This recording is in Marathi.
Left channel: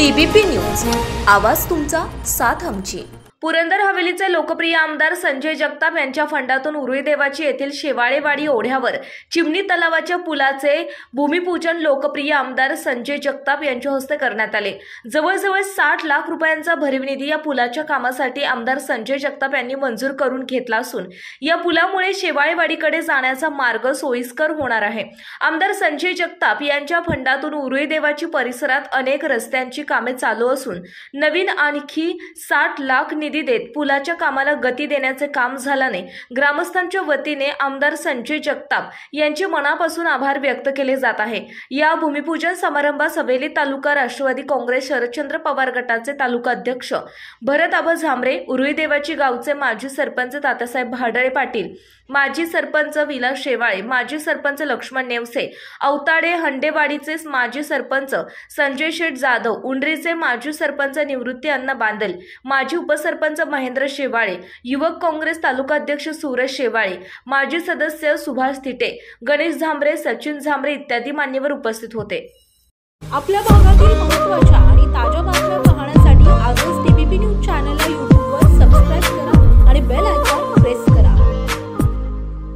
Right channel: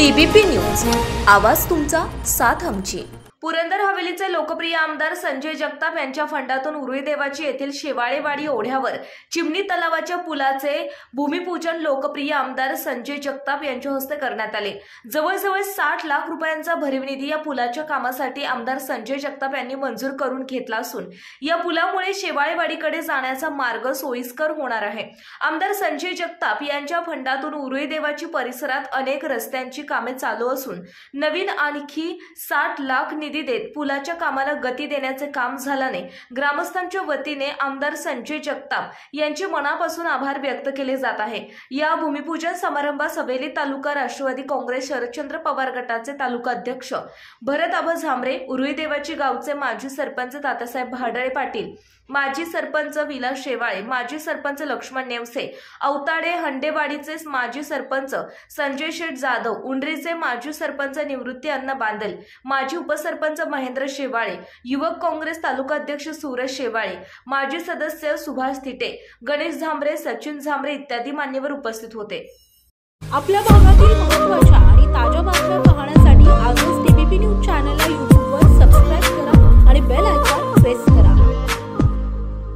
टीबीपी न्यूज, आवाज तुमचा, साथ आमची। पुरंदर हवेलीचे लोकप्रिय आमदार संजय जगताप यांच्या फंडातून उरुळी देवाची येथील शेवाळेवाडी ओढ्यावर चिमणी तलावाच्या पुलाचे भूमिपूजन लोकप्रिय आमदार संजय जगताप यांच्या हस्ते करण्यात आले। जवळजवळ 60 लाख रुपयांचा भरीव निधी या पुलाच्या कामासाठी आमदार संजय जगताप यांनी मंजूर करून घेतला असून या पुलामुळे शेवाळेवाडीकडे जाण्याचा मार्ग सोयीस्कर होणार आहे। आमदार संजय जगताप यांच्या फंडातून उरुळी देवाची परिसरात अनेक रस्त्यांची कामे चालू असून नवीन आणखी 60 लाख निधी देत पुलाच्या कामाला गती देण्याचे काम झाल्याने ग्रामस्थांच्या वतीने आमदार संजय जगताप यांचे मनापासून आभार व्यक्त केले जात आहे। या भूमिपूजन समारंभात हवेली तालुका राष्ट्रवादी काँग्रेस शरदचंद्र पवार गटाचे तालुका अध्यक्ष भरत आबा झांबरे, उरुळी देवाची गावचे माजी सरपंच तात्यासाहेब भाडळे पाटील, माजी सरपंच विलास शेवाळे, माजी सरपंच लक्ष्मण नेवसे, अवताडे हंडेवाडीचे माजी सरपंच संजय शेठ जाधव, उंडरीचे माजी सरपंच निवृत्ती अण्णा बांदल, माजी उपसरपंच महेंद्र शेवाळे, युवक काँग्रेस तालुका अध्यक्ष सूरज शेवाळे, माजी सदस्य सुभाष तिटे, गणेश झांबरे, सचिन झांबरे इत्यादी मान्यवर उपस्थित होते। आपल्या भागातील महत्त्वाच्या आणि ताज्या